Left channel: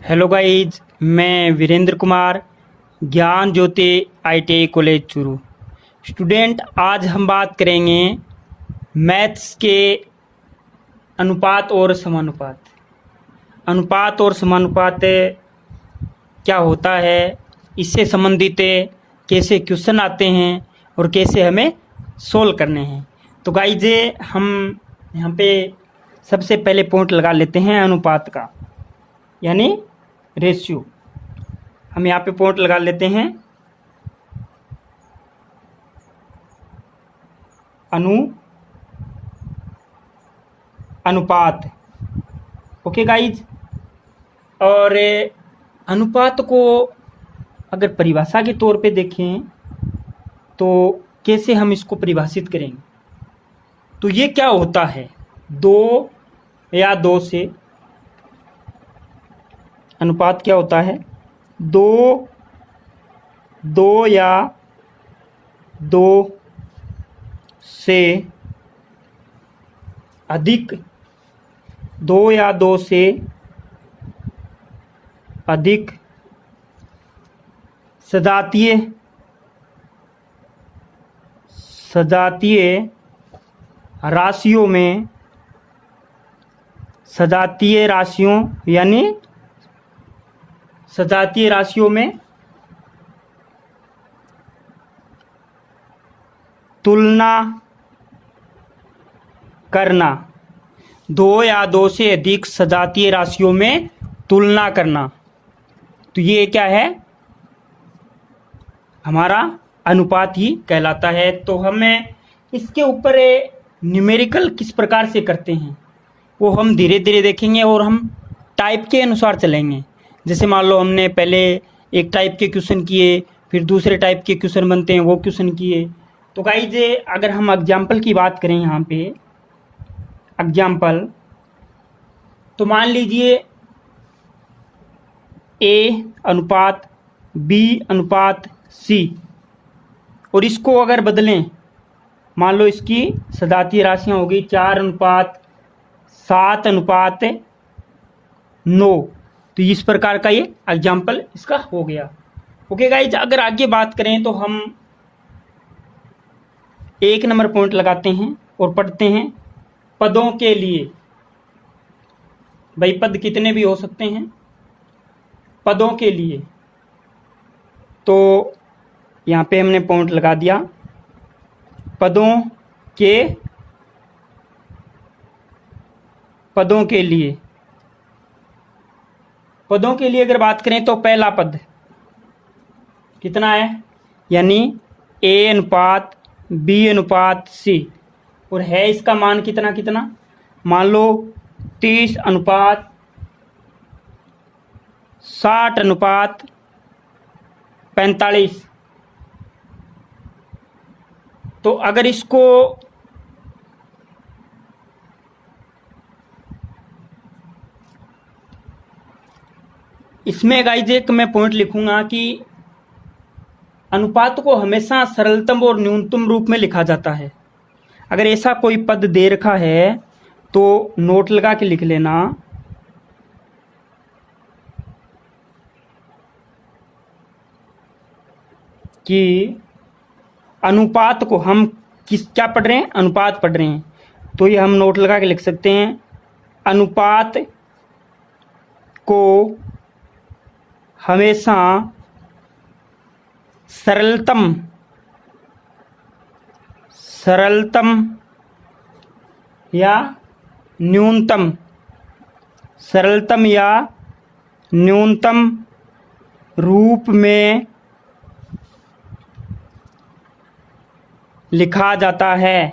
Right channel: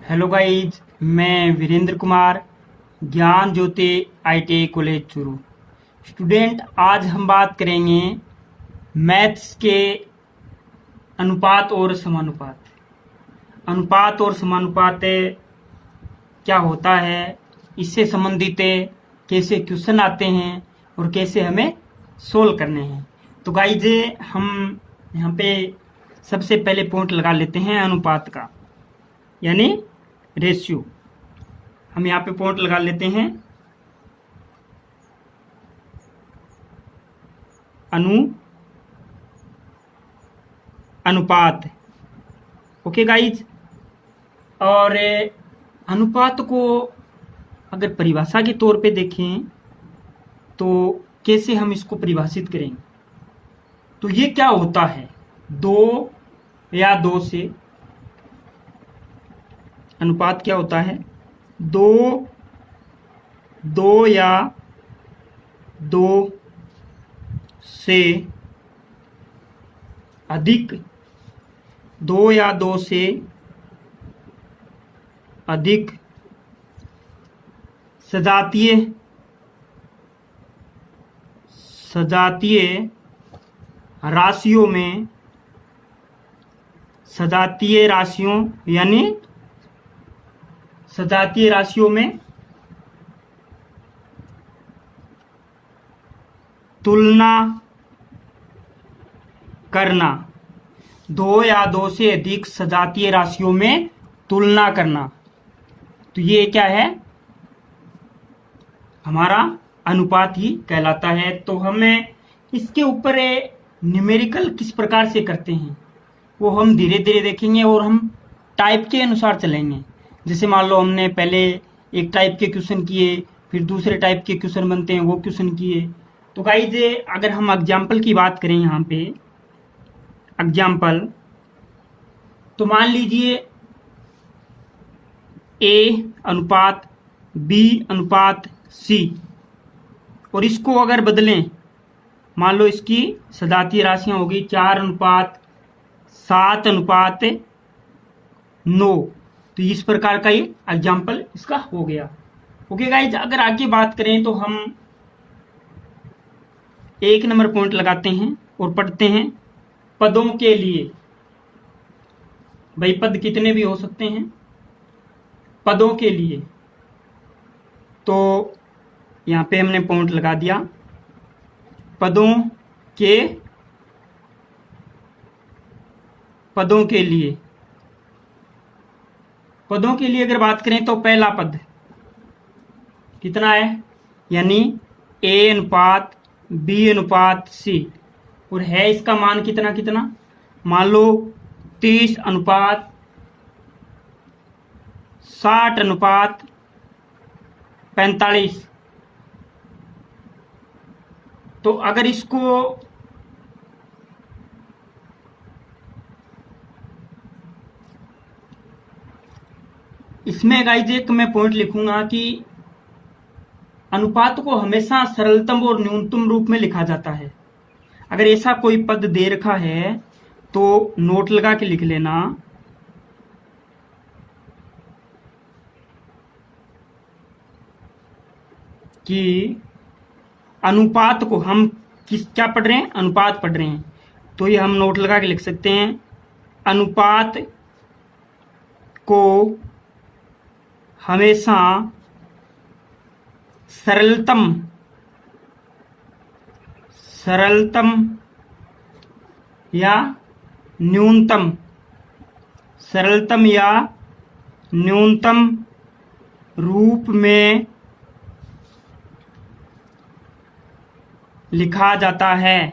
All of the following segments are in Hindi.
हेलो गाइज, मैं वीरेंद्र कुमार, ज्ञान ज्योति आईटीआई कॉलेज चूरू स्टूडेंट। आज हम बात करेंगे मैथ्स के अनुपात और समानुपात। अनुपात और समानुपात क्या होता है, इससे संबंधित कैसे क्वेश्चन आते हैं और कैसे हमें सोल्व करने हैं। तो गाइज, हम यहाँ पे सबसे पहले पॉइंट लगा लेते हैं अनुपात का, यानी रेशियो। हम यहाँ पे पॉइंट लगा लेते हैं अनुपात। ओके गाइज, और अनुपात को अगर परिभाषा के तौर पे देखें तो कैसे हम इसको परिभाषित करेंगे। तो ये क्या होता है, दो या दो से अनुपात क्या होता है, दो या दो से अधिक, दो या दो से अधिक सजातीय राशियों में, सजातीय राशियों में तुलना करना। दो या दो से अधिक सजातीय राशियों में तुलना करना, तो ये क्या है, हमारा अनुपात ही कहलाता है। तो हमें इसके ऊपर न्यूमेरिकल किस प्रकार से करते हैं वो हम धीरे धीरे देखेंगे और हम टाइप के अनुसार चलेंगे। जैसे मान लो हमने पहले एक टाइप के क्वेश्चन किए, फिर दूसरे टाइप के क्वेश्चन बनते हैं वो क्वेश्चन किए। तो गाइज, अगर हम एग्जाम्पल की बात करें यहाँ पे एग्जाम्पल, तो मान लीजिए ए अनुपात बी अनुपात सी, और इसको अगर बदलें, मान लो इसकी सजातीय राशियां होगी 4:7:9। तो इस प्रकार का ये एग्जाम्पल इसका हो गया। ओके गाइज, अगर आगे बात करें तो हम एक नंबर पॉइंट लगाते हैं और पढ़ते हैं पदों के लिए। भाई पद कितने भी हो सकते हैं पदों के लिए। तो यहाँ पे हमने पॉइंट लगा दिया पदों के लिए। पदों के लिए अगर बात करें तो पहला पद कितना है, यानी ए अनुपात बी अनुपात सी, और है इसका मान कितना कितना, मान लो 30:60:45। तो अगर इसको इसमें गाइज एक मैं पॉइंट लिखूंगा कि अनुपात को हमेशा सरलतम और न्यूनतम रूप में लिखा जाता है। अगर ऐसा कोई पद दे रखा है तो नोट लगा के लिख लेना कि अनुपात को हम क्या पढ़ रहे हैं, अनुपात पढ़ रहे हैं। तो ये हम नोट लगा के लिख सकते हैं, अनुपात को हमेशा सरलतम या न्यूनतम रूप में लिखा जाता है।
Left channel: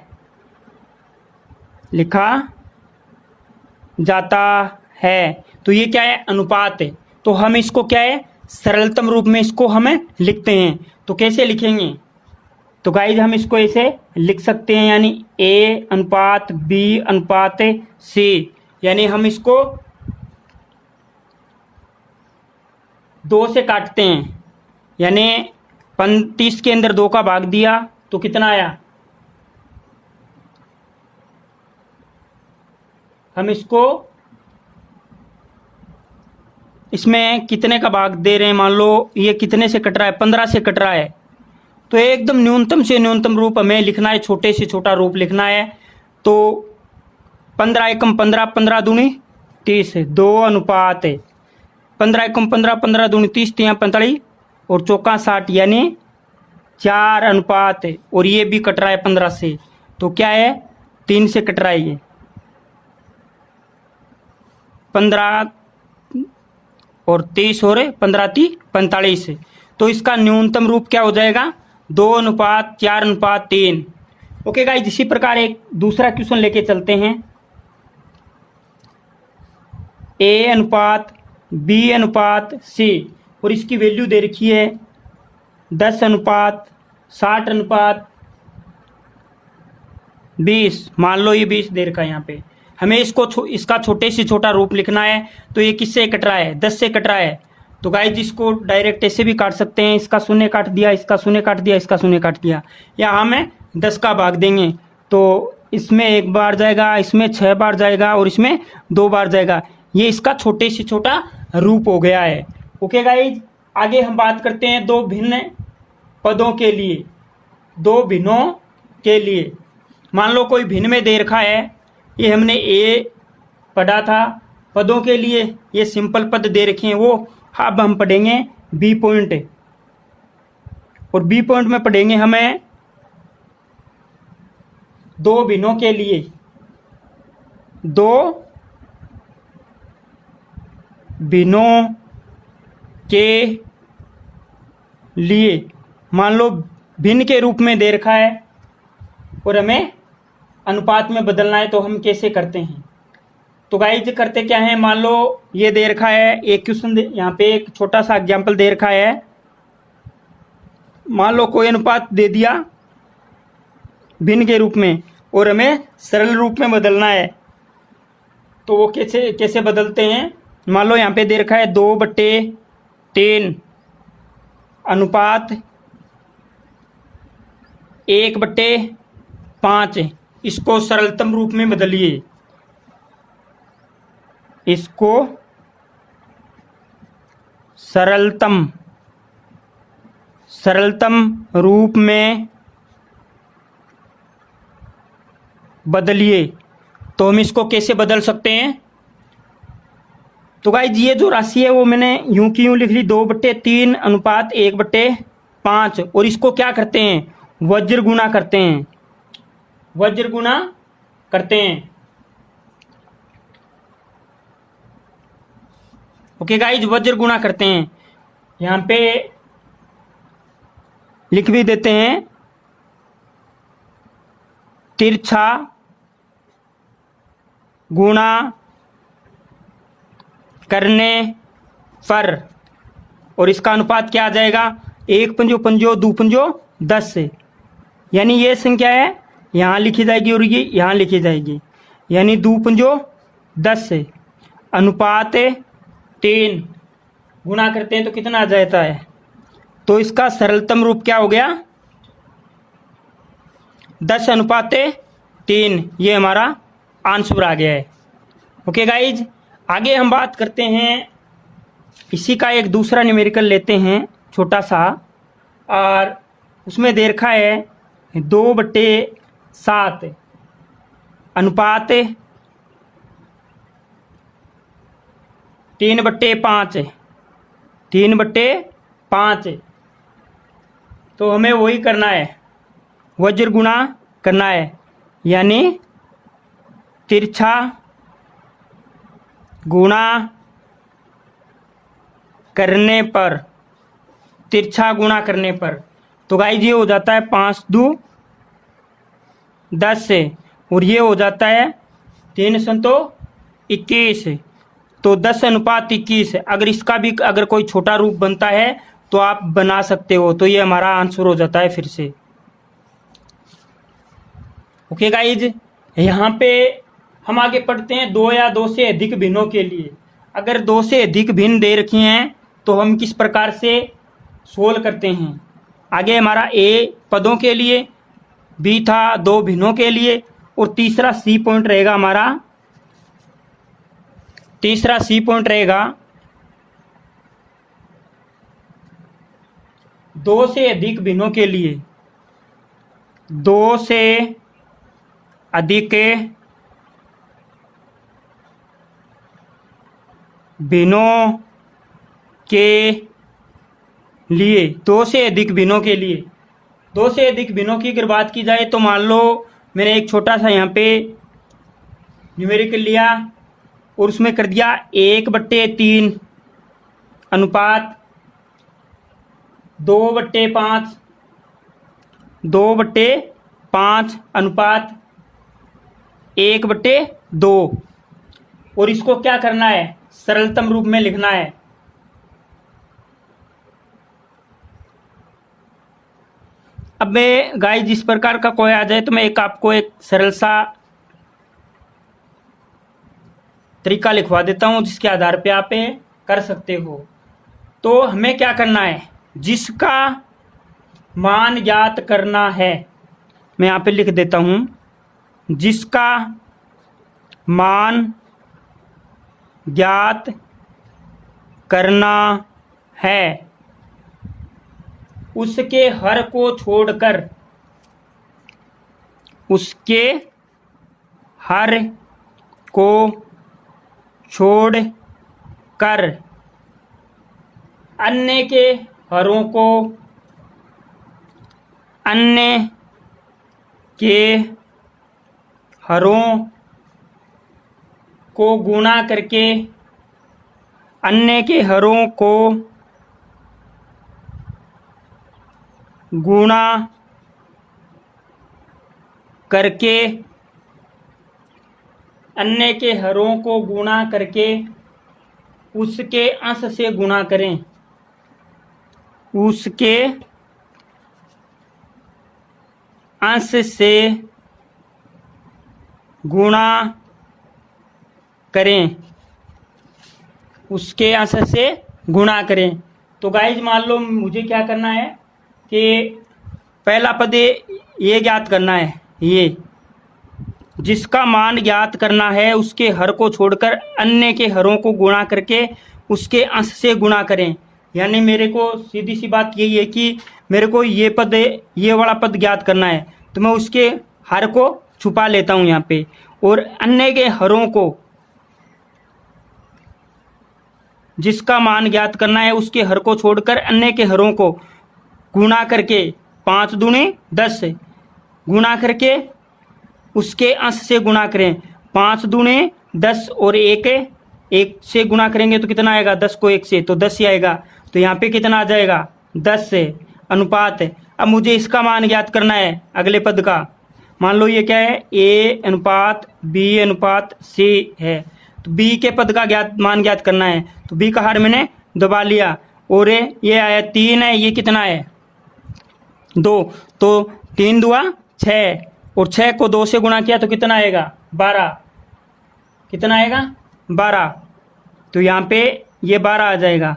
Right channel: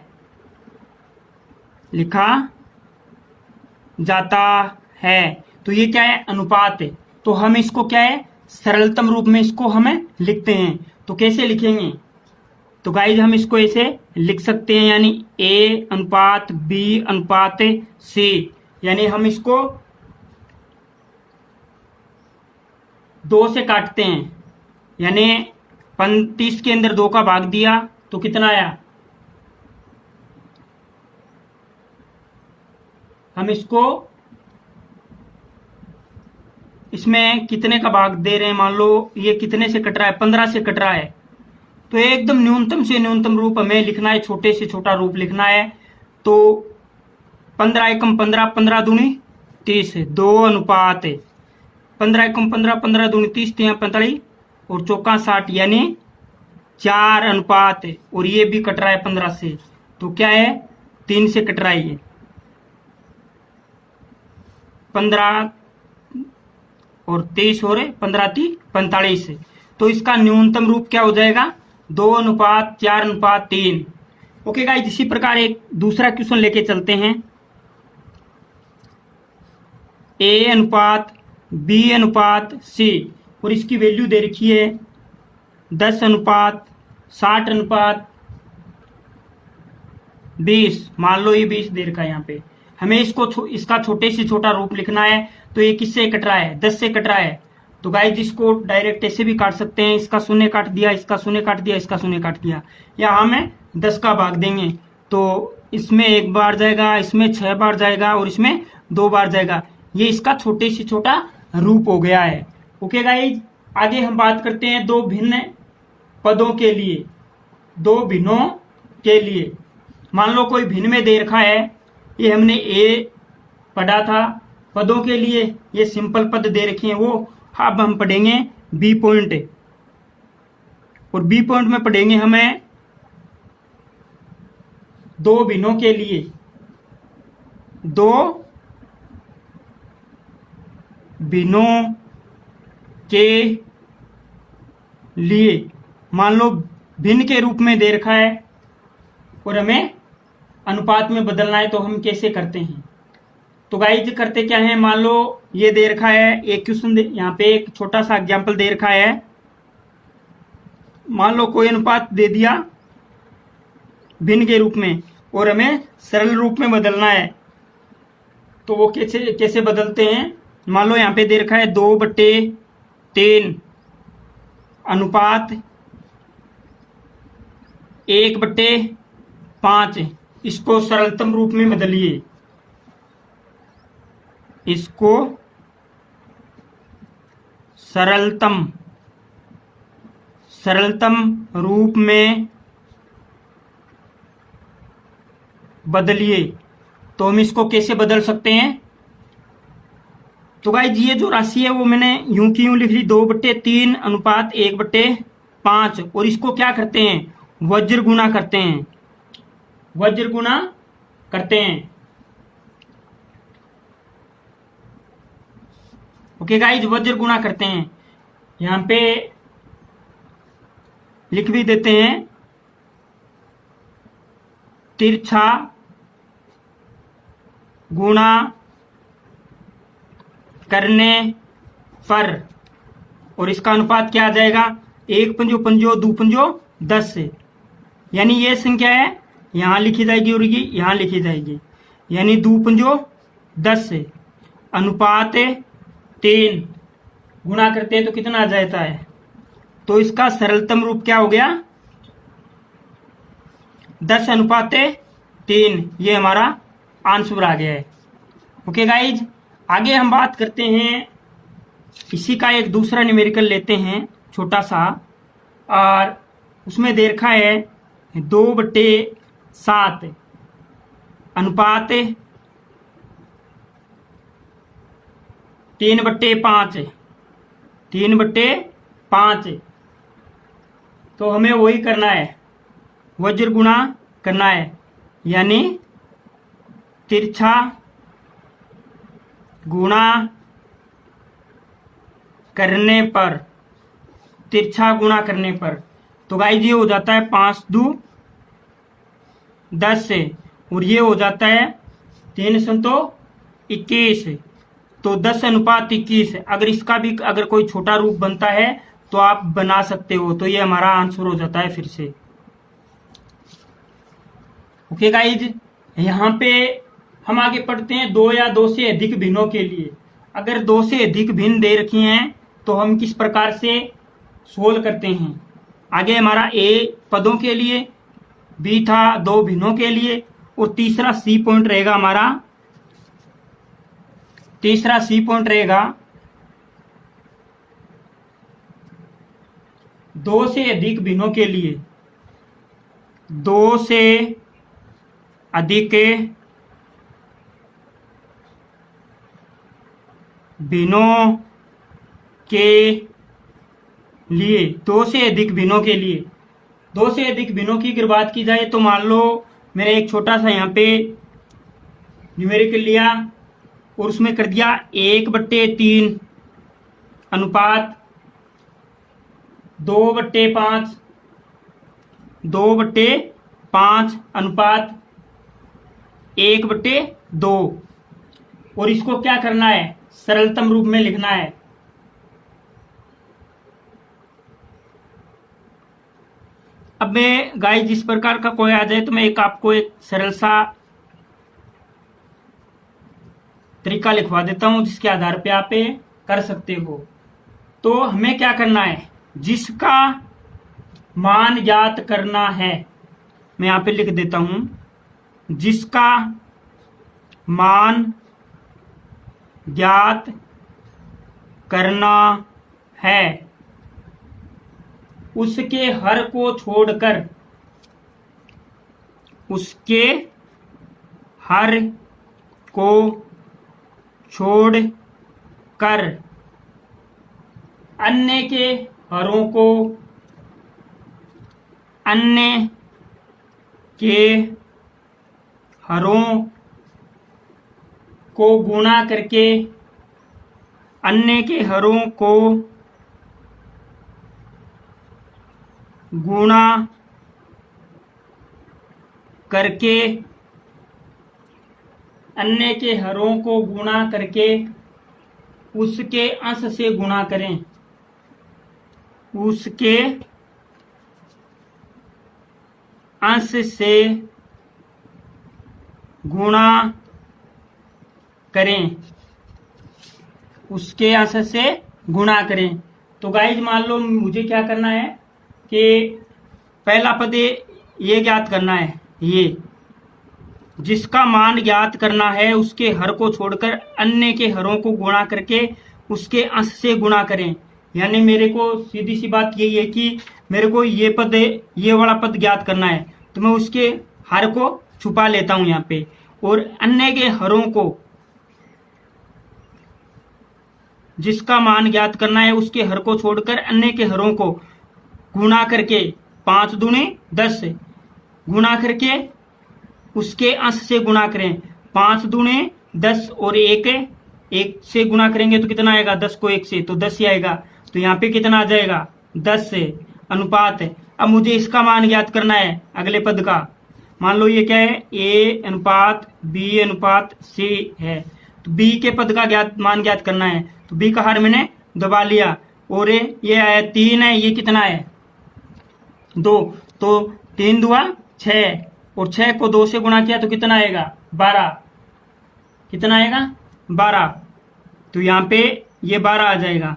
तो ये क्या है, अनुपात है। तो हम इसको क्या है, सरलतम रूप में इसको हमें लिखते हैं। तो कैसे लिखेंगे, तो गाइज हम इसको ऐसे लिख सकते हैं, यानी ए अनुपात बी अनुपात सी, यानी हम इसको 2 से काटते हैं, यानी 35 के अंदर 2 का भाग दिया तो कितना आया, हम इसको इसमें कितने का भाग दे रहे हैं, मान लो ये कितने से कट रहा है, 15 से कट रहा है, तो एकदम न्यूनतम से न्यूनतम रूप हमें लिखना है, छोटे से छोटा रूप लिखना है। तो 15 एकम 15, 15 दूनी 30, 2 अनुपात 15 एकम 15, 15 दूनी 30, 3 45 और चौका 60, यानी 4 अनुपात। और ये भी कट रहा है 15 से, तो क्या है, 3 से कट रहा है ये 15 और 30 और 15 × 45। तो इसका न्यूनतम रूप क्या हो जाएगा, 2 अनुपात 4 अनुपात 3। ओके गाइस, इसी प्रकार एक दूसरा क्वेश्चन लेके चलते हैं। ए अनुपात बी अनुपात सी, और इसकी वैल्यू दे रखी है 10 अनुपात 60 अनुपात 20। मान लो ये 20 दे रखा है, यहाँ पे हमें इसका छोटे से छोटा रूप लिखना है। तो ये किससे कट रहा है, 10 से कट रहा है। तो गाइस इसको डायरेक्ट ऐसे भी काट सकते हैं, इसका शून्य काट दिया, इसका शून्य काट दिया, इसका शून्य काट दिया, या हमें 10 का भाग देंगे। तो इसमें 1 बार जाएगा, इसमें 6 बार जाएगा और इसमें 2 बार जाएगा। ये इसका छोटे से छोटा रूप हो गया है। ओके गाइस, आगे हम बात करते हैं दो भिन्न पदों के लिए, दो भिन्नों के लिए। मान लो कोई भिन्न में दे रखा है, ये हमने ए पढ़ा था। पदों के लिए ये सिंपल पद दे रखे हैं, वो अब हम पढ़ेंगे बी पॉइंट। और बी पॉइंट में पढ़ेंगे हमें दो भिन्नों के लिए, दो भिन्नों के लिए। मान लो भिन्न के रूप में दे रखा है और हमें अनुपात में बदलना है, तो हम कैसे करते हैं। तो गाइस करते क्या है, मान लो ये दे रखा है, एक क्वेश्चन यहाँ पे एक छोटा सा एग्जाम्पल दे रखा है। मान लो कोई अनुपात दे दिया भिन्न के रूप में और हमें सरल रूप में बदलना है, तो वो कैसे कैसे बदलते हैं। मान लो यहाँ पे दे रखा है 2/3 अनुपात 1/5। इसको सरलतम रूप में बदलिए, इसको सरलतम रूप में बदलिए। तो हम इसको कैसे बदल सकते हैं। तो गाइस ये जो राशि है वो मैंने यूं की यूं लिख ली, 2/3 अनुपात 1/5। और इसको क्या करते हैं, वज्र गुणा करते हैं, वज्र गुणा करते हैं। ओके गाइस, वज्र गुणा करते हैं। यहां पे लिख भी देते हैं, तिरछा गुणा करने पर। और इसका अनुपात क्या आ जाएगा, 1 पंजो पंजो 2 पंजो 10 से। यानी ये संख्या है यहां लिखी जाएगी और ये यहां लिखी जाएगी, यानी 2 पंजो 10 से अनुपात 3 गुणा करते हैं तो कितना आ जाता है। तो इसका सरलतम रूप क्या हो गया, 10 अनुपात 3। ये हमारा आंसर आ गया है। ओके गाइज, आगे हम बात करते हैं, इसी का एक दूसरा न्यूमेरिकल लेते हैं छोटा सा, और उसमें दे रखा है 2/7 अनुपात 3/5, 3/5। तो हमें वही करना है, वज्र गुणा करना है, यानी तिरछा गुणा करने पर, तिरछा गुणा करने पर। तो गाइस ये हो जाता है 5 2 10 से, और ये हो जाता है 3 संतो 21। तो 10 अनुपात 21। अगर इसका भी अगर कोई छोटा रूप बनता है तो आप बना सकते हो। तो ये हमारा आंसर हो जाता है फिर से। ओके गाइज, यहाँ पे हम आगे पढ़ते हैं 2 या 2 से अधिक भिन्नों के लिए। अगर 2 से अधिक भिन्न दे रखी हैं तो हम किस प्रकार से सोल्व करते हैं। आगे हमारा ए पदों के लिए, बी था 2 भिन्नों के लिए, और तीसरा सी पॉइंट रहेगा हमारा, तीसरा सी पॉइंट रहेगा दो से अधिक भिन्नों के लिए, दो से अधिक भिन्नों के लिए, दो से अधिक भिन्नों के लिए, दो से अधिक भिन्नों की अगर बात की जाए तो मान लो मैंने एक छोटा सा यहाँ पे न्यूमेरिकल लिया और उसमें कर दिया 1/3 अनुपात 2/5, 2/5 अनुपात 1/2, और इसको क्या करना है, सरलतम रूप में लिखना है। अब मैं गाइस जिस प्रकार का कोई आ जाए तो मैं आपको एक सरल सा तरीका लिखवा देता हूं जिसके आधार पे आप ये कर सकते हो। तो हमें क्या करना है, जिसका मान ज्ञात करना है, मैं यहां पे लिख देता हूं, जिसका मान ज्ञात करना है उसके हर को छोड़कर, उसके हर को छोड़कर अन्य के हरों को, अन्य के हरों को गुणा करके, अन्य के हरों को गुणा करके, अन्य के हरों को गुणा करके उसके अंश से गुणा करें, उसके अंश से गुणा करें, उसके अंश से गुणा करें। तो गाइज मान लो मुझे क्या करना है कि पहला पद ये ज्ञात करना है, ये जिसका मान ज्ञात करना है उसके हर को छोड़कर अन्य के हरों को गुणा करके उसके अंश से गुणा करें। यानी मेरे को सीधी सी बात यही है कि मेरे को ये पद, ये वाला पद ज्ञात करना है, तो मैं उसके हर को छुपा लेता हूं यहाँ पे, और अन्य के हरों को, जिसका मान ज्ञात करना है उसके हर को छोड़कर अन्य के हरों को गुणा करके 5 दूनी 10 गुणा करके उसके अंश से गुणा करें। 5 दूनी 10 और 1 से गुणा करेंगे तो कितना आएगा, 10 को 1 से तो 10 ही आएगा। तो यहाँ पे कितना आ जाएगा, 10 से अनुपात। अब मुझे इसका मान ज्ञात करना है अगले पद का। मान लो ये क्या है, A अनुपात B अनुपात C है, तो B के पद का मान ज्ञात करना है। तो B का हर मैंने दबा लिया, और ये है 3 है, ये कितना है 2, तो 3 दुआ 6, और 6 को 2 से गुणा किया तो कितना आएगा 12, कितना आएगा 12, तो यहाँ पे ये 12 आ जाएगा।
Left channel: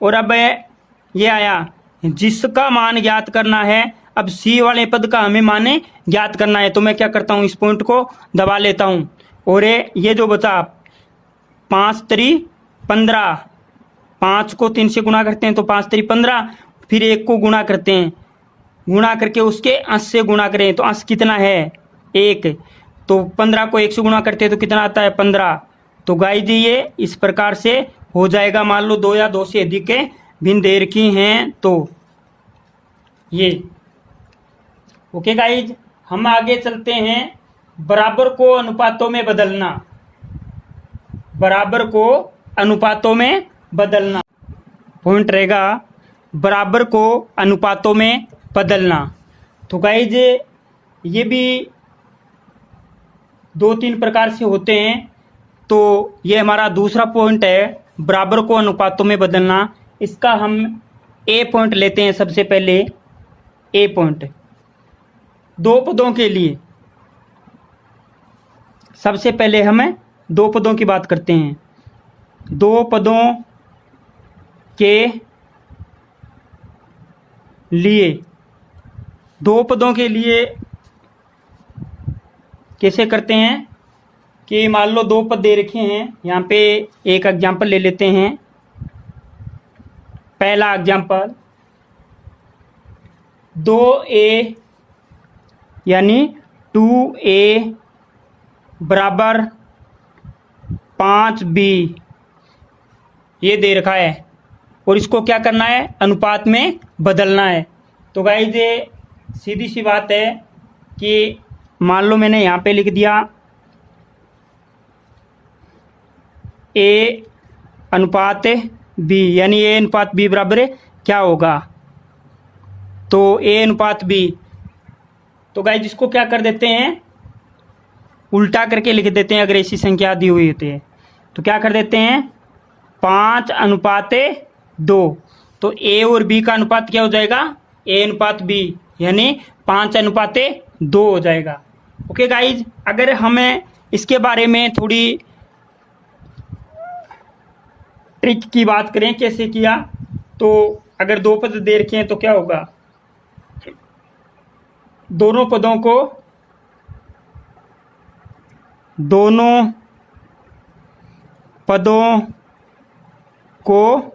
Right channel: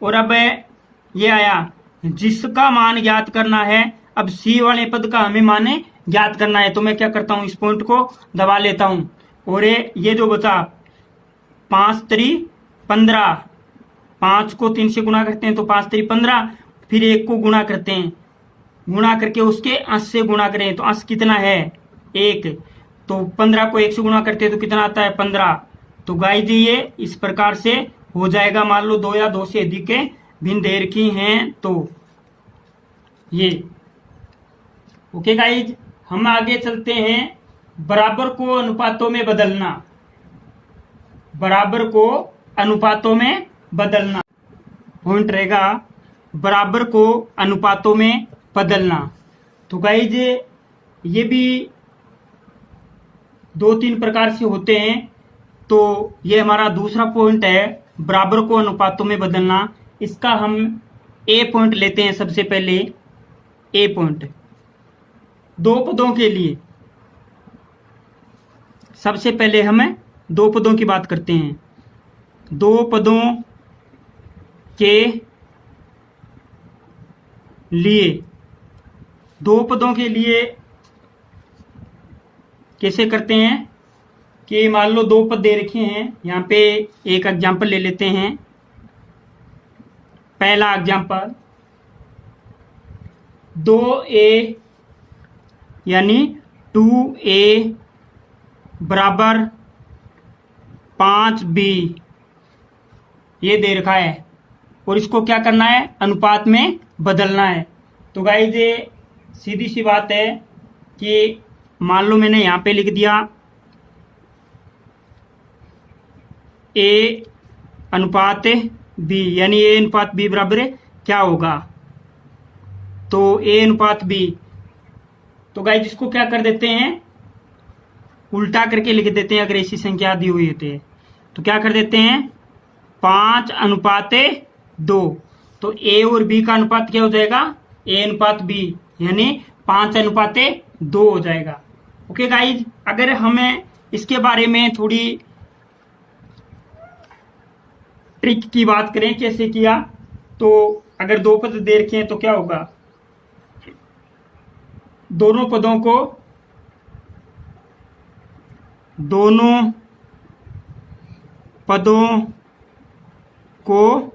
और अब ये आया जिसका मान ज्ञात करना है। अब C वाले पद का हमें मान ज्ञात करना है, तो मैं क्या करता हूँ, इस पॉइंट को दबा लेता हूँ, और ये जो बचा 5 3 15, 5 को 3 से गुणा करते हैं तो 5 3 15, फिर 1 को गुणा करते हैं, गुणा करके उसके अंश से गुणा करें तो अंश कितना है 1, तो 15 को 1 से गुणा करते हैं तो कितना आता है 15। तो गाइस जी ये इस प्रकार से हो जाएगा। मान लो 2 या 2 से अधिक भिन्न दे रखी हैं तो ये ओके गाइज। हम आगे चलते हैं, बराबर को अनुपातों में बदलना, बराबर को अनुपातों में बदलना पॉइंट रहेगा, बराबर को अनुपातों में बदलना। तो गाइज ये भी 2-3 प्रकार से होते हैं, तो ये हमारा दूसरा पॉइंट है, बराबर को अनुपातों में बदलना। इसका हम ए पॉइंट लेते हैं। सबसे पहले ए पॉइंट 2 पदों के लिए, सबसे पहले हम 2 पदों की बात करते हैं। 2 पदों के लिए, 2 पदों के लिए कैसे करते हैं कि मान लो 2 पद दे रखे हैं, यहाँ पे एक एग्जाम्पल ले लेते हैं। पहला एग्जाम्पल 2a यानी 2a बराबर 5b ये दे रखा है और इसको क्या करना है, अनुपात में बदलना है। तो गाइस ये सीधी सी बात है कि मान लो मैंने यहाँ पे लिख दिया a अनुपात b यानी a अनुपात b बराबर क्या होगा, तो a अनुपात b। तो गाइस इसको क्या कर देते हैं, उल्टा करके लिख देते हैं। अगर ऐसी संख्या दी हुई होती है तो क्या कर देते हैं, 5 अनुपात 2। तो a और b का अनुपात क्या हो जाएगा, a अनुपात b यानी 5 अनुपात 2 हो जाएगा। ओके गाइज, अगर हमें इसके बारे में थोड़ी ट्रिक की बात करें कैसे किया, तो अगर दो पद दे रखे हैं तो क्या होगा, दोनों पदों को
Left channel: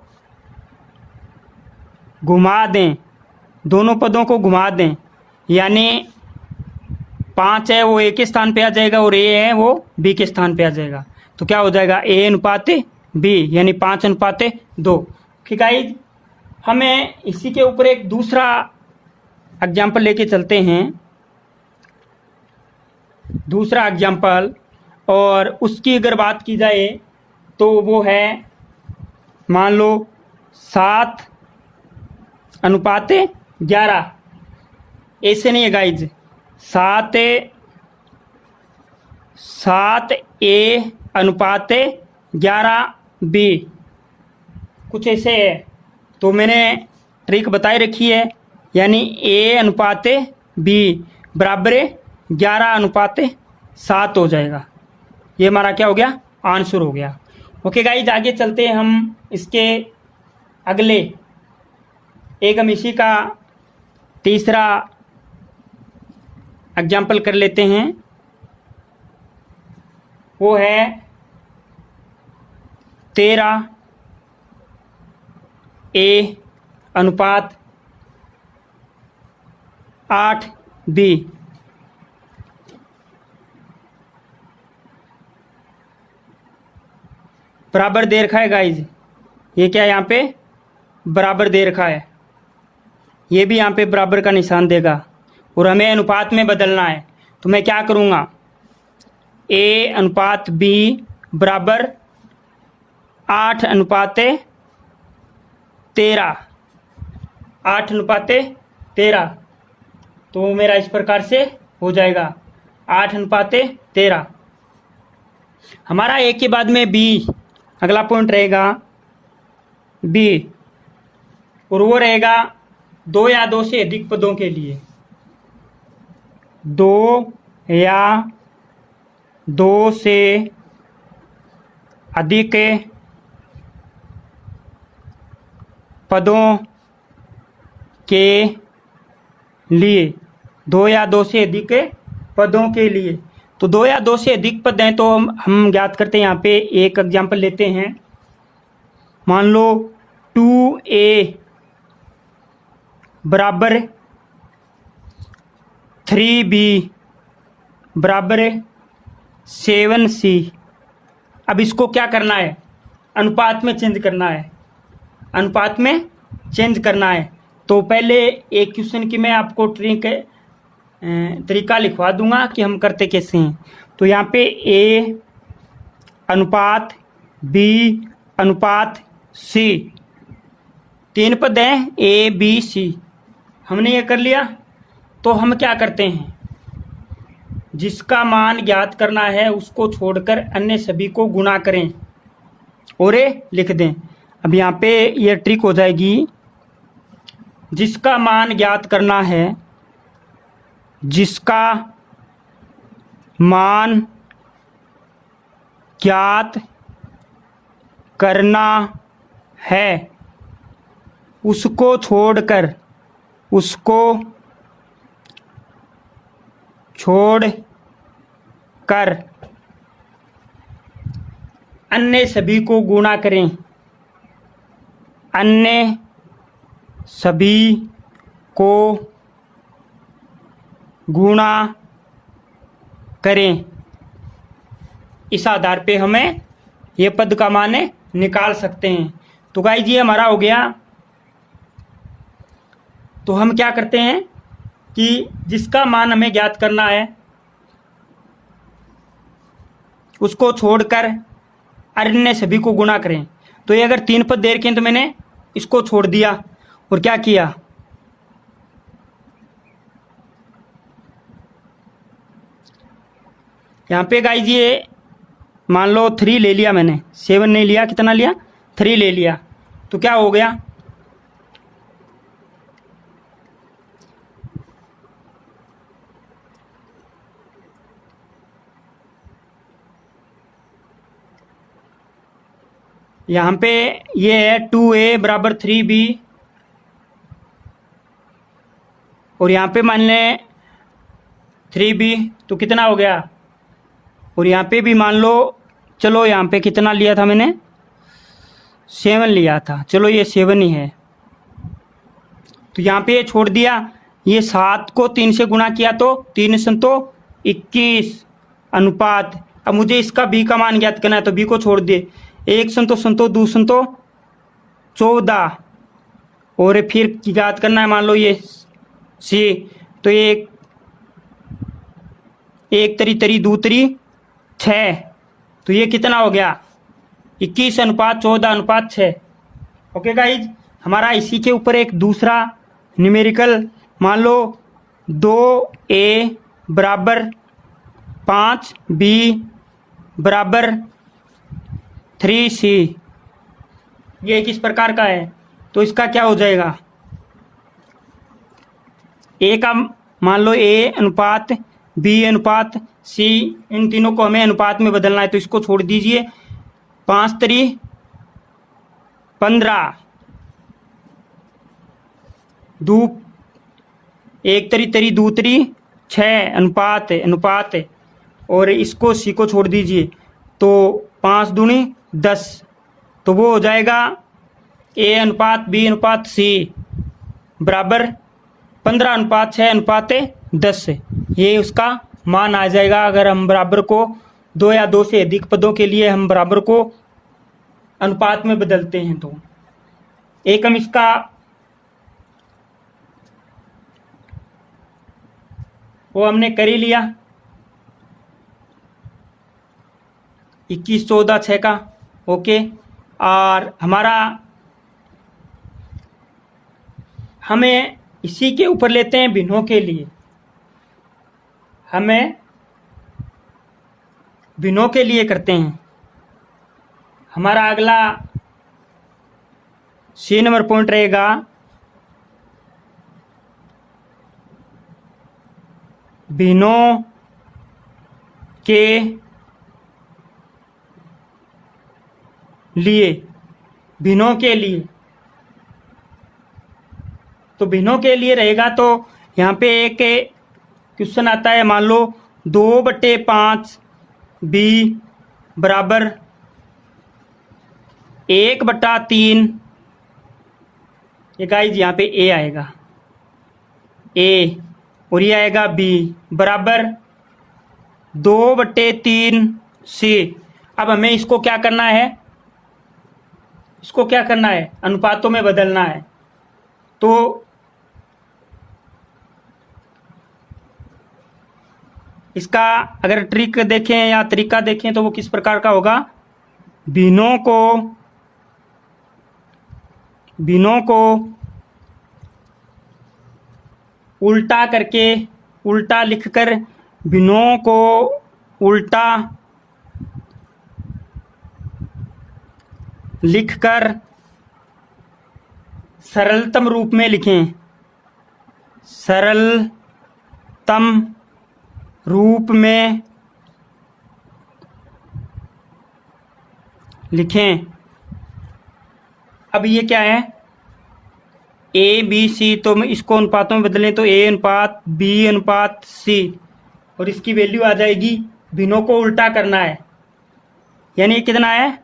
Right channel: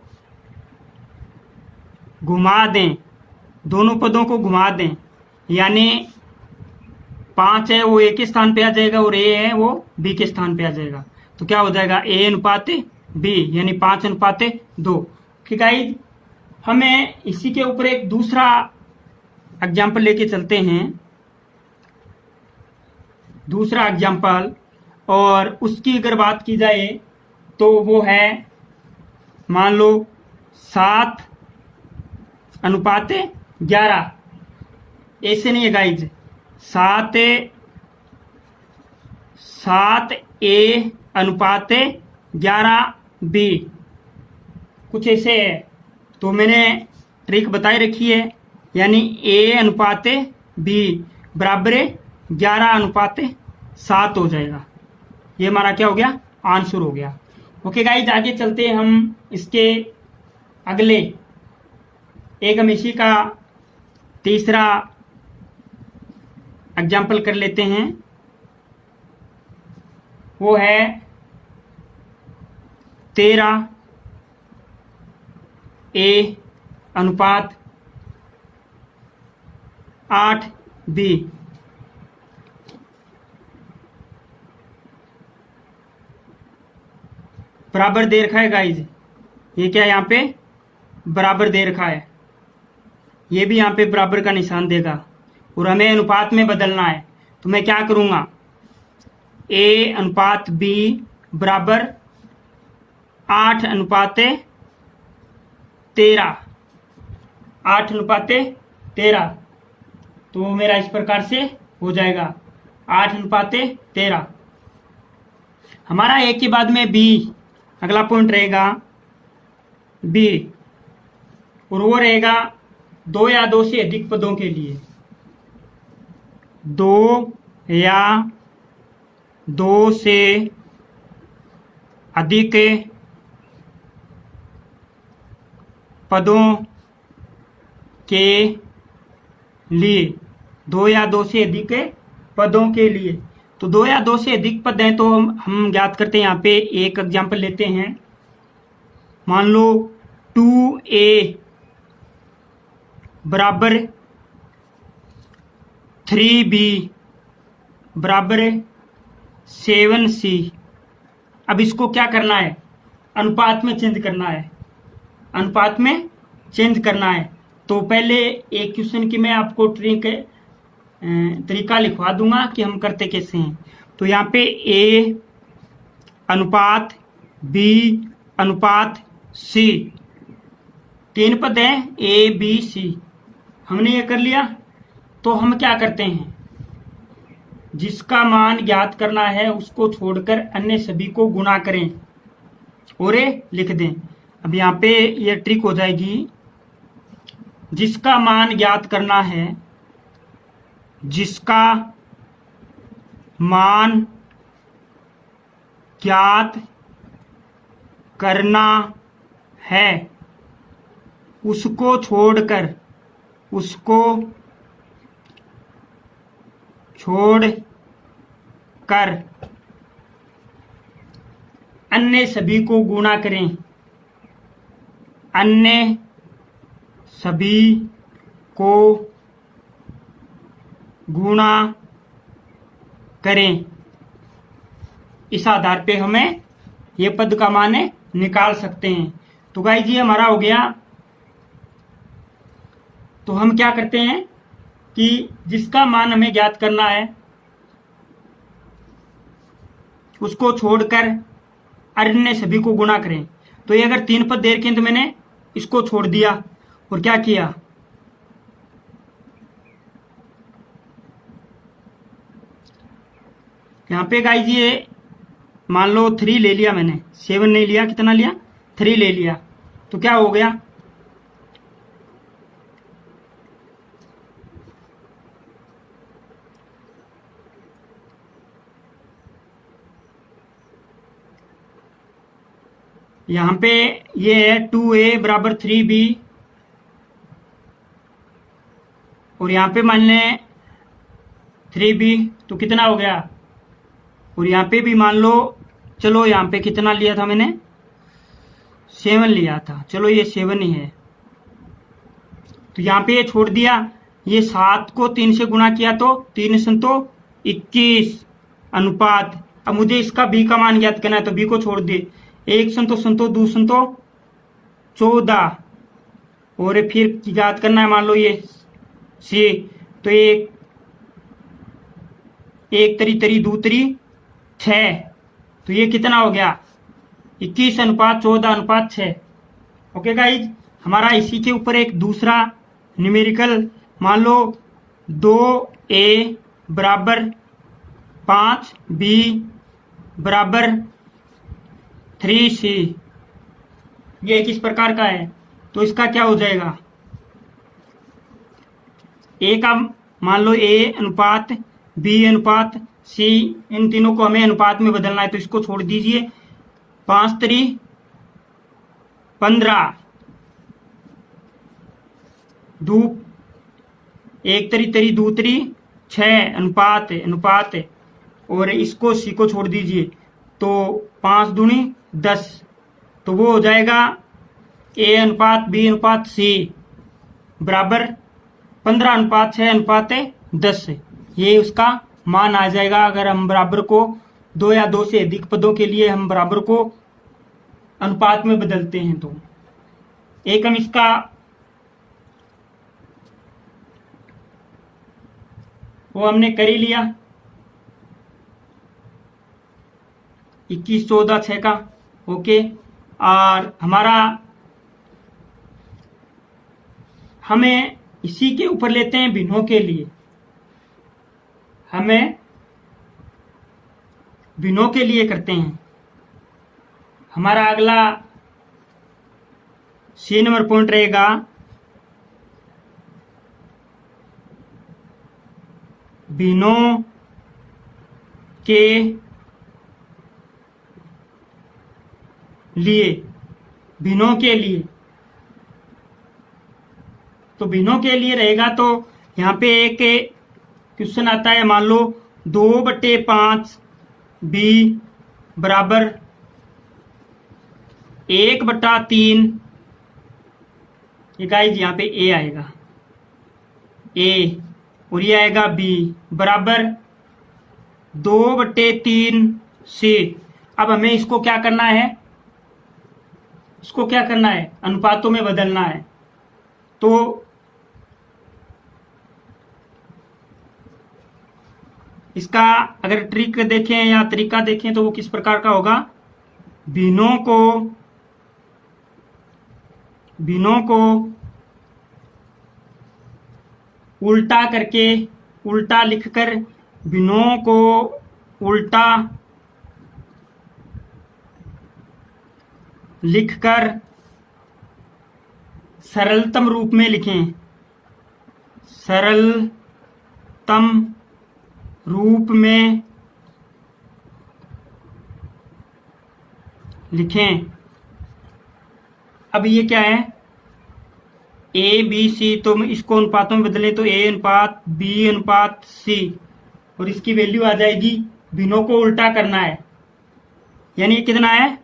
घुमा दें, दोनों पदों को घुमा दें, यानी 5 है वो a के स्थान पे आ जाएगा और a है वो b के स्थान पे आ जाएगा। तो क्या हो जाएगा, a अनुपात b यानी 5 अनुपात 2। ठीक है, हमें इसी के ऊपर एक दूसरा एग्जाम्पल लेके चलते हैं, दूसरा एग्जाम्पल, और उसकी अगर बात की जाए तो वो है मान लो 7 अनुपात 11। ऐसे नहीं है गाइज, 7a अनुपात 11b कुछ ऐसे है। तो मैंने ट्रिक बताई रखी है, यानी a अनुपात b बराबर 11 अनुपात 7 हो जाएगा। ये हमारा क्या हो गया, आंसर हो गया। ओके गाइज, आगे चलते हैं हम इसके अगले एक, हम इसी का तीसरा एग्जाम्पल कर लेते हैं। वो है 13a अनुपात 8b। बराबर दे रखा है गाइज, ये क्या यहाँ पे बराबर दे रखा है, ये भी यहाँ पे बराबर का निशान देगा और हमें अनुपात में बदलना है। तो मैं क्या करूँगा, a अनुपात b बराबर 8 अनुपात 13, 8 अनुपात 13। तो मेरा इस प्रकार से हो जाएगा 8 अनुपात 13। हमारा a के बाद में b, अगला पॉइंट रहेगा b, और वो रहेगा 2 या 2 से अधिक पदों के लिए, 2 या 2 से अधिक पदों के लिए, 2 या 2 से अधिक पदों के लिए। तो 2 या 2 से अधिक पद हैं तो हम ज्ञात करते हैं। यहाँ पे एक एग्जाम्पल लेते हैं, मान लो 2a बराबर 3b बराबर 7c। अब इसको क्या करना है, अनुपात में चेंज करना है, अनुपात में चेंज करना है। तो पहले एक क्वेश्चन की मैं आपको तरीका लिखवा दूंगा कि हम करते कैसे हैं। तो यहाँ पे a अनुपात b अनुपात c, 3 पद हैं a b c, हमने ये कर लिया। तो हम क्या करते हैं, जिसका मान ज्ञात करना है उसको छोड़कर अन्य सभी को गुणा करें और लिख दें। अब यहाँ पे ये ट्रिक हो जाएगी, जिसका मान ज्ञात करना है, जिसका मान ज्ञात करना है उसको छोड़कर अन्य सभी को गुणा करें, अन्य सभी को गुणा करें। इस आधार पे हमें ये पद का मान निकाल सकते हैं। तो गाइस ये हमारा हो गया। तो हम क्या करते हैं कि जिसका मान हमें ज्ञात करना है उसको छोड़कर अन्य सभी को गुणा करें। तो ये अगर 3 पद दे रखे हैं तो मैंने इसको छोड़ दिया और क्या किया, यहाँ पे गाइस ये मान लो 3 ले लिया मैंने, 7 नहीं लिया, कितना लिया, 3 ले लिया। तो क्या हो गया, यहाँ पे ये है 2a बराबर 3b, और यहाँ पे मान लें 3b, तो कितना हो गया, और यहाँ पे भी मान लो, चलो यहाँ पे कितना लिया था मैंने, 7 लिया था, चलो ये 7 ही है। तो यहाँ पे ये छोड़ दिया, ये 7 को 3 से गुणा किया तो 3 संतो 21 अनुपात। अब मुझे इसका b का मान ज्ञात करना है तो b को छोड़ दे, 1 संतो संतो 2 संतो 14, और फिर ज्ञात करना है मान लो ये c, तो ये 1 तरी तरी 2 तरी 6, तो ये कितना हो गया, 21 अनुपात 14 अनुपात 6। ओके गाइज, हमारा इसी के ऊपर एक दूसरा न्यूमेरिकल, मान लो 2a बराबर 5b बराबर 3c, ये किस प्रकार का है। तो इसका क्या हो जाएगा, a का मान लो a अनुपात b अनुपात c, इन तीनों को हमें अनुपात में बदलना है, तो इसको छोड़ दीजिए, 5 तरी 15, 2 1 तरी तरी 2 तरी 6 अनुपात अनुपात, और इसको c को छोड़ दीजिए, तो 5 दूनी 10, तो वो हो जाएगा a अनुपात b अनुपात c बराबर 15 अनुपात 6 अनुपात 10, ये उसका मान आ जाएगा। अगर हम बराबर को 2 या 2 से अधिक पदों के लिए हम बराबर को अनुपात में बदलते हैं, तो एक हम इसका वो हमने कर ही लिया, 21 14 6 का। ओके, और हमें इसी के ऊपर लेते हैं भिन्नों के लिए, हमें भिन्नों के लिए करते हैं। हमारा अगला C नंबर पॉइंट रहेगा भिन्नों के लिए, भिन्नों के लिए। तो भिन्नों के लिए रहेगा, तो यहाँ पे एक क्वेश्चन आता है, मान लो 2/5 b बराबर 1/3, ये गाइज यहाँ पे a आएगा, a, और ये आएगा b बराबर 2/3 c। अब हमें इसको क्या करना है, इसको क्या करना है, अनुपातों में बदलना है। तो इसका अगर ट्रिक देखें या तरीका देखें तो वो किस प्रकार का होगा, भिन्नों को उल्टा करके, उल्टा लिखकर, भिन्नों को उल्टा लिखकर सरलतम रूप में लिखें, सरलतम रूप में लिखें। अब ये क्या है, a b c, तो इसको अनुपातों में बदलें तो a अनुपात b अनुपात c, और इसकी वैल्यू आ जाएगी, भिन्नों को उल्टा करना है, यानी कितना है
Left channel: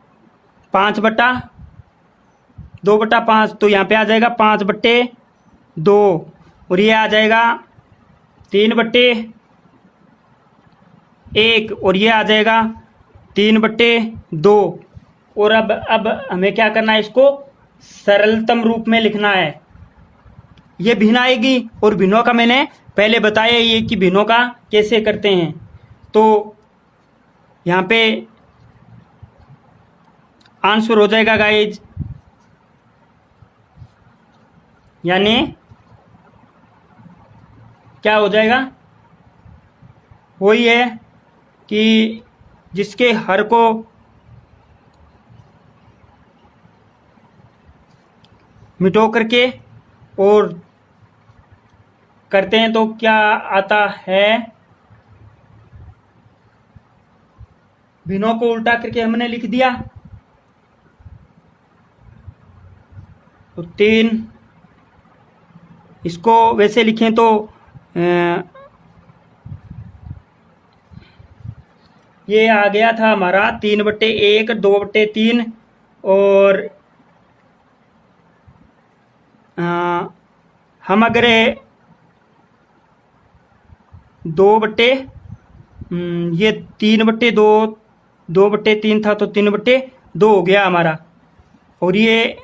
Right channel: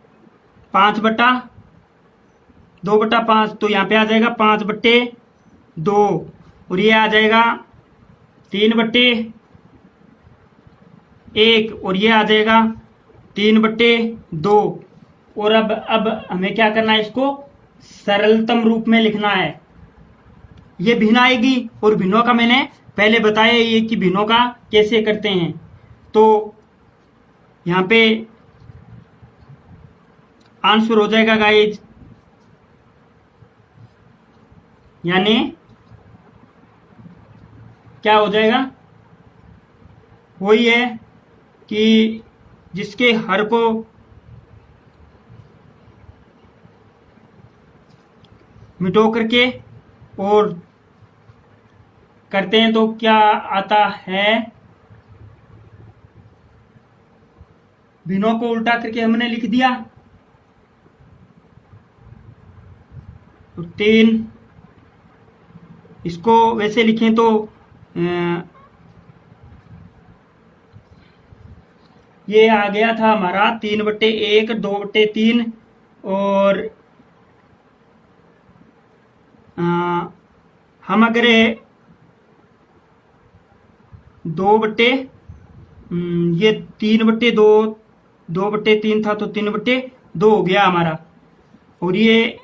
5/2/5, तो यहाँ पे आ जाएगा 5/2, और ये आ जाएगा 3/1 और ये आ जाएगा 3/2। और अब हमें क्या करना है, इसको सरलतम रूप में लिखना है। ये भिन्न आएगी और भिन्नों का मैंने पहले बताया ये कि भिन्नों का कैसे करते हैं। तो यहाँ पे आंसर हो जाएगा गाइज, यानी क्या हो जाएगा, वही है कि जिसके हर को मिटो करके और करते हैं तो क्या आता है, भिन्नों को उल्टा करके हमने लिख दिया। तो 3, इसको वैसे लिखें तो ये आ गया था हमारा 3/1, 2/3 और हम अगर ये 3/2, 2/3 था तो 3/2 हो गया हमारा। और ये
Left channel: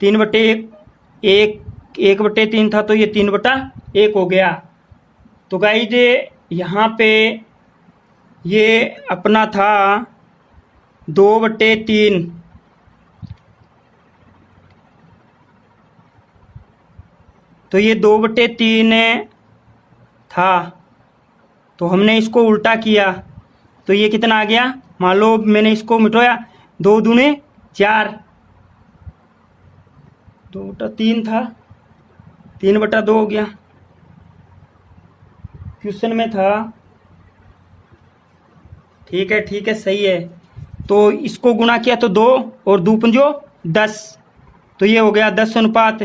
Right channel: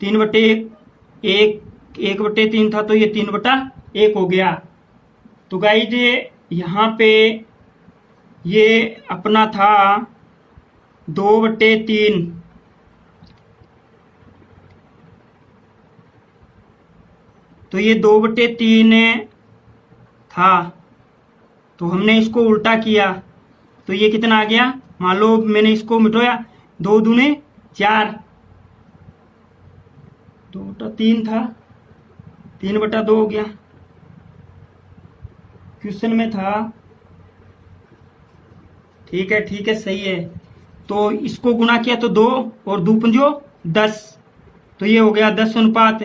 3/1, 1/3 था तो ये 3/1 हो गया। तो गाइज यहाँ पे ये अपना था 2/3। तो ये 2/3 था, तो हमने इसको उल्टा किया तो ये कितना आ गया, मान लो मैंने इसको मिटाया, 2 दूने 4, 2/3 था, 3/2 हो गया। क्वेश्चन में था, ठीक है सही है। तो इसको गुणा किया तो 2 और 2 पंजो 10, तो ये हो गया 10 अनुपात।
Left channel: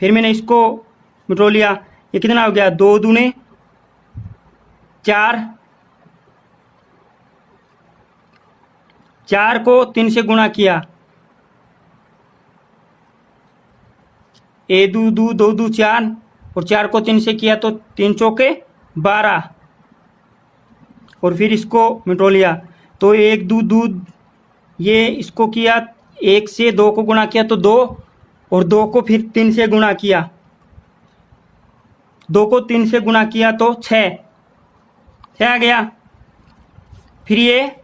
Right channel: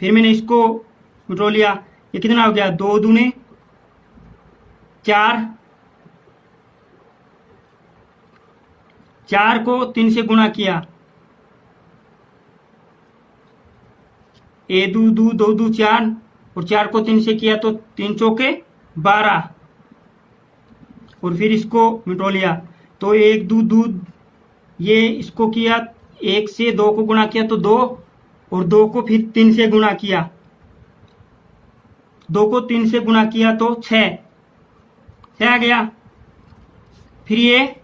फिर मैंने इसको मिटो लिया, ये कितना हो गया, 2 दूने 4, 4 को 3 से गुणा किया, 1 2 2 2 2 4 और 4 को 3 से किया तो 3 चौके 12 और फिर इसको मिटो लिया। तो 1 2 2, ये इसको किया, 1 से 2 को गुणा किया तो 2 और 2 को फिर 3 से गुणा किया, 2 को 3 से गुणा किया तो 6 आ गया। फिर ये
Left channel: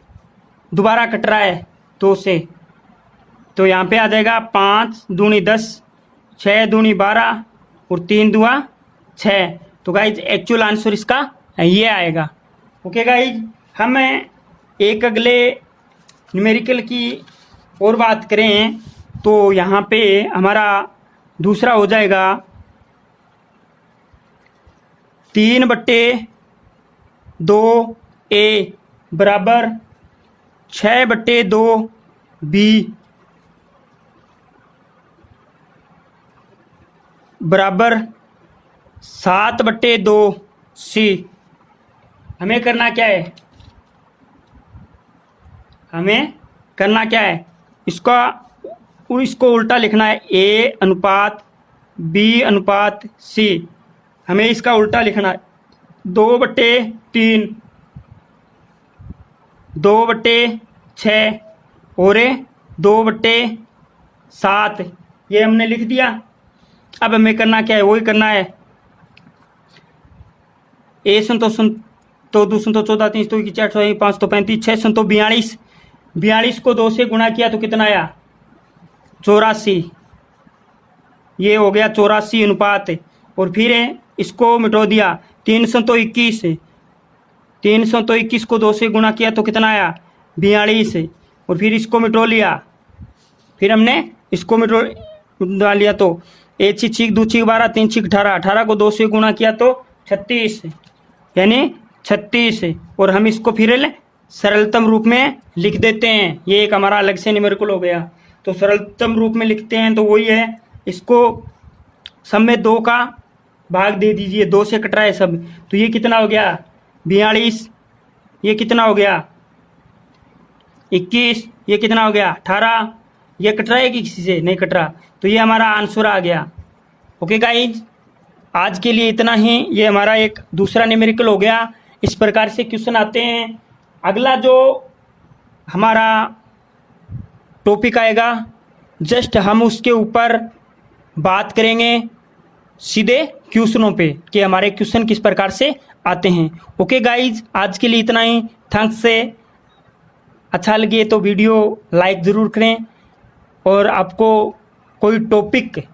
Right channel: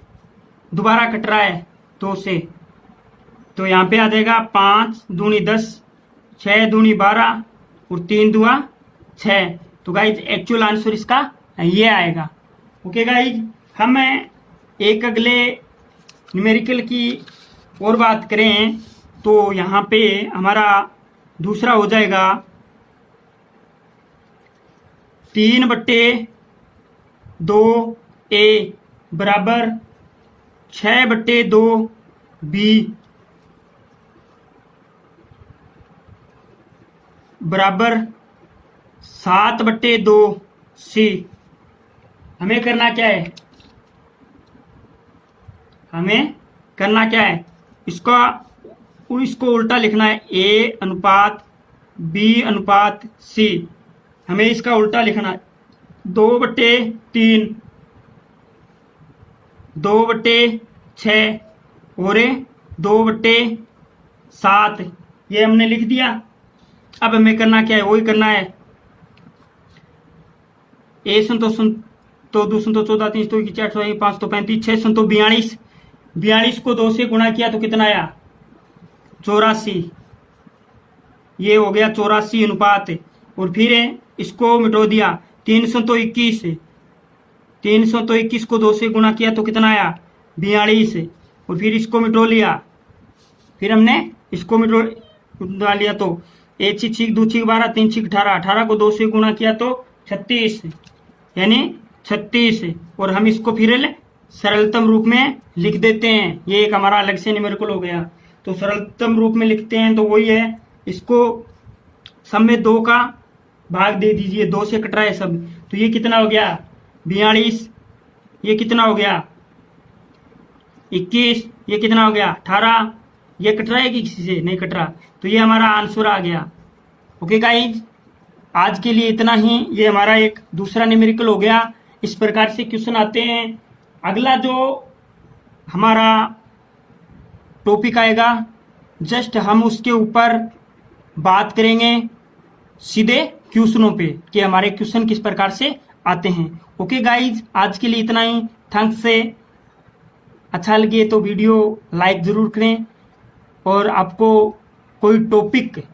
दोबारा कट रहा है 2 से, तो यहाँ पे आ जाएगा 5 दूनी 10, 6 दूनी 12 और 3 दुआ 6। तो गाइज एक्चुअल आंसर इसका ये आएगा। ओके गाइज, हम एक अगले न्यूमेरिकल की और बात करें तो यहाँ पे हमारा दूसरा हो जाएगा 3/2A बराबर 6/2B बराबर 7/2C। हमें करना क्या है, इसको उल्टा लिखना है, A अनुपात B अनुपात C। हमें इसका उल्टा लिखना है, 2/3, 2/6 और 2/7, ये हमने लिख दिया। अब हमें करना क्या है, वही करना है, ए तो 2 संतो 14, 3 तो 4, 5 तो 35, 6 संतो 42, 42 को 2 से गुणा किया तो कितना आया, 84। ये हो गया 84 अनुपात। और फिर इसको मिटो दिया, 3 संतो 21, 321 को 2 से गुणा किया तो कितना आया, 42। और फिर इसको मिटो लिया, फिर हमने इसको मिटो लिया तो 1 6 2 6 12, 3 6 18, 18 को 2 से गुणा किया तो 36, यानी 36। और हम इसको फिर सरलतम रूप में लिख देते हैं, ये एक हमारा अलग से न्यूमेरिकल हो गया। तो सरलतम रूप में लिखते हैं तो वही है, इसको सब में 2 का भाग दे दीजिए, 2 से कट रहा है सब, तो ये कितना हो गया 42, ये कितना हो गया 21, ये कितना हो गया 18, ये कट रहा है कि किसी से नहीं कट रहा, तो ये हमारा आंसर आ गया। ओके गाइज, आज के लिए इतना ही। ये हमारा एक दूसरा न्यूमेरिकल हो गया। इस प्रकार से क्वेश्चन आते हैं। अगला जो हमारा टॉपिक आएगा, जस्ट हम उसके ऊपर बात करेंगे सीधे क्वेश्चनों पे कि हमारे क्वेश्चन किस प्रकार से आते हैं। ओके गाइज, आज के लिए इतना ही। थैंक्स से अच्छा लगे तो वीडियो लाइक ज़रूर करें, और आपको कोई टॉपिक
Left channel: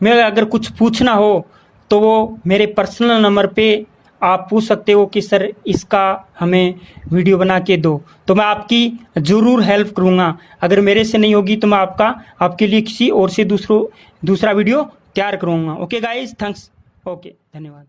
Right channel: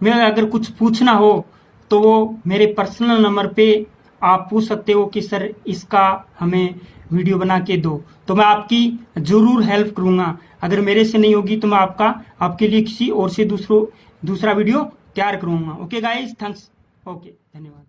में अगर कुछ पूछना हो तो वो मेरे पर्सनल नंबर पे आप पूछ सकते हो कि सर इसका हमें वीडियो बना के दो, तो मैं आपकी ज़रूर हेल्प करूँगा। अगर मेरे से नहीं होगी तो मैं आपके लिए किसी और से दूसरा वीडियो तैयार करूँगा। Okay guys, thanks. ओके, धन्यवाद।